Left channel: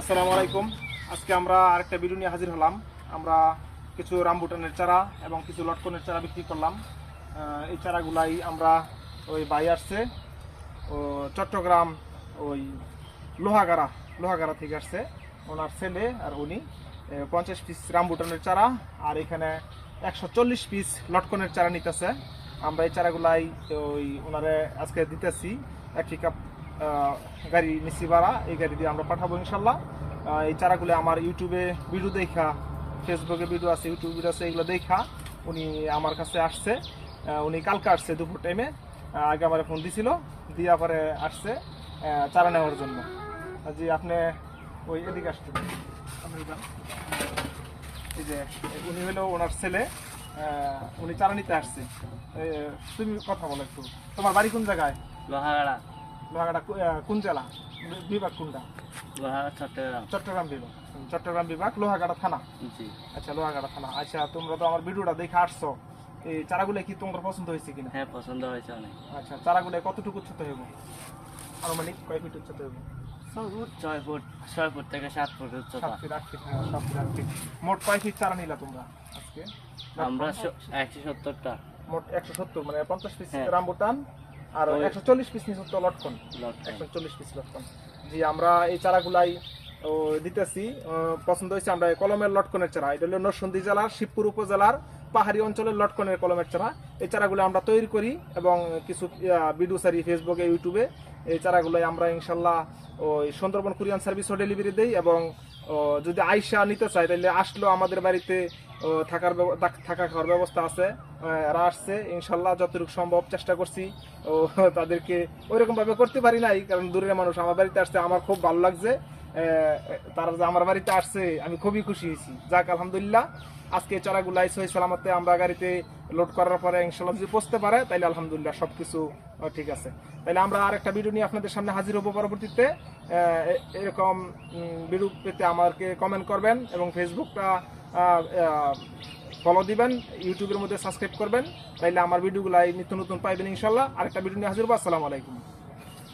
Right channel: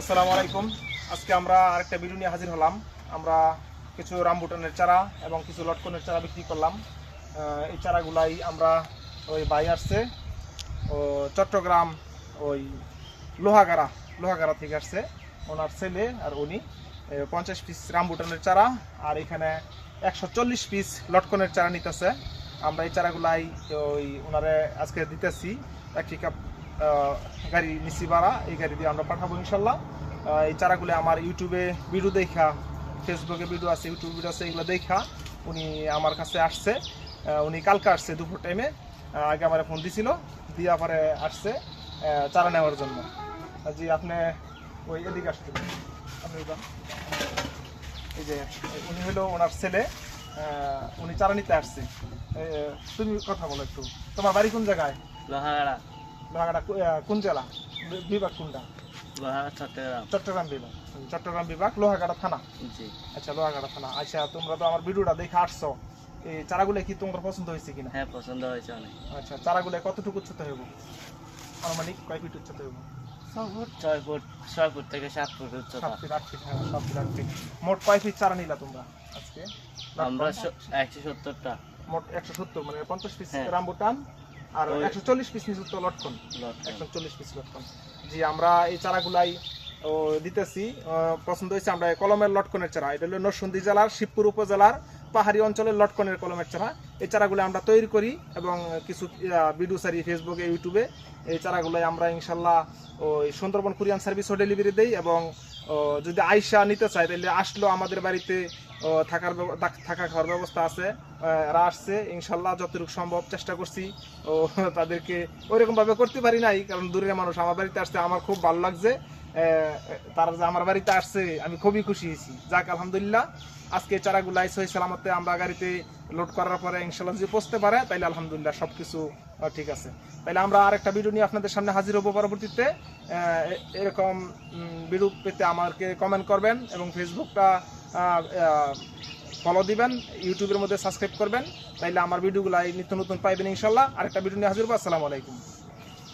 আসসালামু আলাইকুম। আজকে আমরা আরেকটা ভিডিও নিয়ে হাজির হলাম। আমরা কিছু রামবুটানের চারা এবং কিছু লটকনের চারা বিক্রি করলাম। এই চারাগুলাই আমরা ওই ভাই আসছে ও চট্টগ্রাম ওই লোহাগাড়া থেকে আসছে ওনার ছেলে আর উনি 50 পিস রামবুটানের চারা আর এখানে 140 পিস লটকনের চারা নিতেছে। আমরা এই চারাগুলাই ওই ওনারে আজকে দিতেছি। এক পিকআপ গাড়ি নিচ্ছি ভাড়া, এই গাড়ি দিয়ে আমরা পাঠাবো ইনশাল্লাহ। এই চারাগুলো আমার ইউটিউবে ভিডিও দেখা, ফেসবুকে ভিডিও আছে, ইউটিউবে ভিডিও আছে, এগুলো দেখা উনি আমার কাছে আসছে। উনি কালকে আসছে দুপুর টাইমে, আগে আমার ফোন দিছিল, দিয়া পরে আসছে চারা নেওয়ার জন্য। জি আপনি ওই এদিকে আসছেন, আপনি এই যে উনি হলো ওনার ছেলে, উনি চারা নিতে আসছে। তুমি কথা বলো একটু, তোমার বাড়ি কোন জায়গায়? লোহাগাড়া। লোহাগাড়া কোন জেলা, বিভাগ কোনটা? চট্টগ্রাম। চট্টগ্রাম বিভাগ। চট্টগ্রাম বিভাগ, লোহাগাড়া থানা। জি। আচ্ছা, লোহাগাড়া থানা। আচ্ছা, তোমরা তো আমার ভিডিওটা দেখে আসছো, এই চারাগুলো কি তোমার পছন্দ হয়েছে কিনা? হ্যাঁ, পছন্দ হয়েছে অনেক। আচ্ছা, চারাগুলো কতটুকু উচ্চতা হইব, আনুমানিক কয় ফিট উচ্চতা হইব? 6 ফুট থেকে 7 ফুট 7 উচ্চতা। ফিট 8 ফিট, হ্যাঁ 7 ফিট 8 ফিট। মোট কয় ফিট চারা নিলা তোমরা আজকে? আমরা 170টা। মোট 170, মানে 50 পিস হ্যাঁ। রামবুটান আর 140 পিস নিচে লটকন। 140 পিস লটকন। জি, আমরা এই চারাগুলাই দিতেছি। পছন্দ হয়েছে আমরা কলমের লটকনের চারা। এটা হলো নরসিংদী জেলার শিবপুর উপজেলার পাহাড়ি অঞ্চলের লটকনের কলমের চারা। এই চারাগুলো আমরা তৈরি করি এবং কিছু ভিডিও সারি ফেসবুকে, ইউটিউবে। এই চারাগুলোই আমরা ইনশাল্লাহ ওই সুন্দরবন কুরিয়ান সার্ভিসও ডেলিভারি দেই এবং যদি আইসা নিতে চাই তাহলে আসলো আমাদের বাড়িতে থাকা খাওয়ার ব্যবস্থা আছে। এরা আসছে ইনশাল্লাহ, যতটুকু সম্ভব চেষ্টা করছি তাদেরকে ওইরকম ভাবে করতে পারি নাই, কারণ দূরের মানুষ আমার বাড়িতে আসছে, আমার খুব ভালো লাগছে। তারা যে আমার বাড়িতে আসছে আমি খুবই খুশি হয়েছি। যাক আলহামদুলিল্লাহ, আজকে চারাগুলাই সহি সালামতে আমরা গাড়িতে লোড করার পরে ইনশাল্লাহ যদি পৌঁছতে পারে তাইলে আলহামদুলিল্লাহ সবকিছু ঠিক আছে। তাইলে আমরা আর একটা ভিডিও নিয়ে আপনাদের সামনে হাজির হবো পরবর্তীতে। এরকম ভিডিও পেতে আমাকে কমেন্ট করবেন এবং ফেসবুকটা ফলো দিবেন, ইউটিউবের মধ্যে সাবস্ক্রাইব করবেন, তাইলে আমার ভিডিওগুলাই নিত্য নতুন পাইবেন ইনশাল্লাহ। আরেকটা ভিডিও নিয়ে হাজির হবো। আসসালামু আলাইকুম।